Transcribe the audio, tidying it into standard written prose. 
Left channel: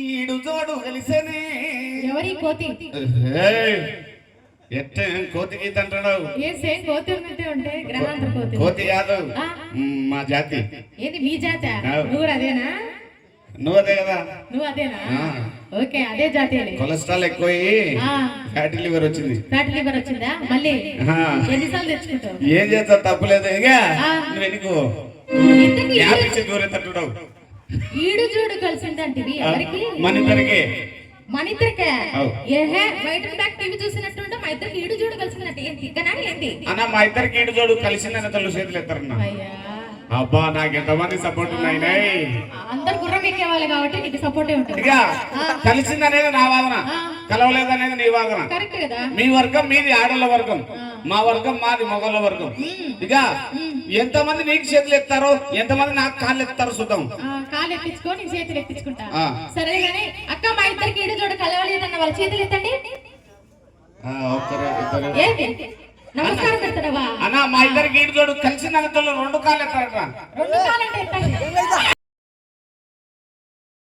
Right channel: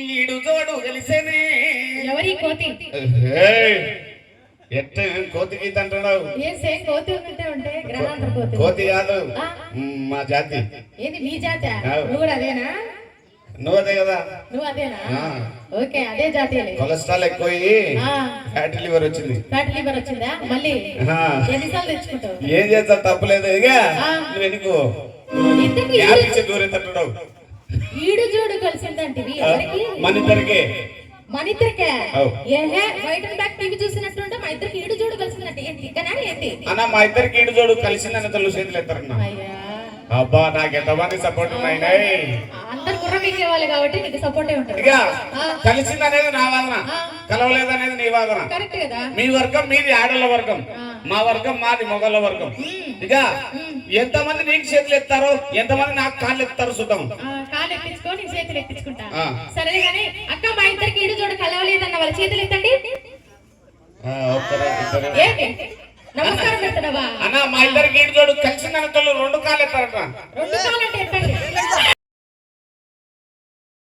ఈడు జోడు తెలిసేనే ఎవరి కోతి ఎట్ట కోతి గీత అంటున్నావు ఏ సేమ్ కోతి ఉన్నట్టే ఉంటే గ్రహాంతర కోతి కోతి కాదు మా జాతి ఏంది మీ జాతి నువ్వు కూడా అదేనా నువ్వు అదే కదా నువ్వు అదేనా ఓకే అదే జాతి కొలెస్ట్రాల్ ఎక్కువ ఫ్యాటీ లివర్ వచ్చింది ఫ్యాటీ లివర్ వచ్చిందా మళ్ళీ ఎన్నిసార్లు తెచ్చుకుంటావు ఏం చేస్తా తప్పులేదు ఇక నువ్వు ఎన్నికో దూరం తట్టున్నావు ఈడు జోడు కలిసిందంటివి ఎవరికి మన ఇద్దరికే ఏహే బయట టీవీ చూసినట్టుంటే మా ఇద్దరికి ఈడు జోడు కలిసిందంటే ఏంటి ఇకనా ఏంటి అన్న మా ఇద్దరికి ఈడు జోడు కలిసిందని తల్లు చేతులు ఎత్తారన్నా అబ్బా నాకు ఎంతమంది సపోర్ట్ ఉన్నాయి అందరు గుర్రం ఎక్కేవాళ్ళు కాబట్టి నీకు సపోర్టే ఉంటుంది ఇక కలిసిందనేది నా వాదన కలవలేదనేది నీ వాదన కరెక్ట్ కదా మీ వర్గం మీది ఆడళ్ళ వర్గం మా వర్గం మాది మొగళ్ళ వర్గం ఇక ఎంతమంది నీకు చేతులు ఎత్తారో ఎంతమంది నాకు కాళ్ళు ఎత్తారో చూద్దాం కాళ్ళు ఎత్తించుకో నీ చేతులు ఎత్తించుకుంటా సరే గానీ అక్క మా ఇద్దరికి ఈడు జోడు కలవలేదన్న వాళ్ళ చేతులు ఎత్తండి నమస్కారం పెడతావా అన్న మా ఇద్దరికి ఈడు జోడు కలిసిందన్న రెండు కాళ్ళు ఎత్తారట రెండు కాళ్ళు అంటే ఎత్తండి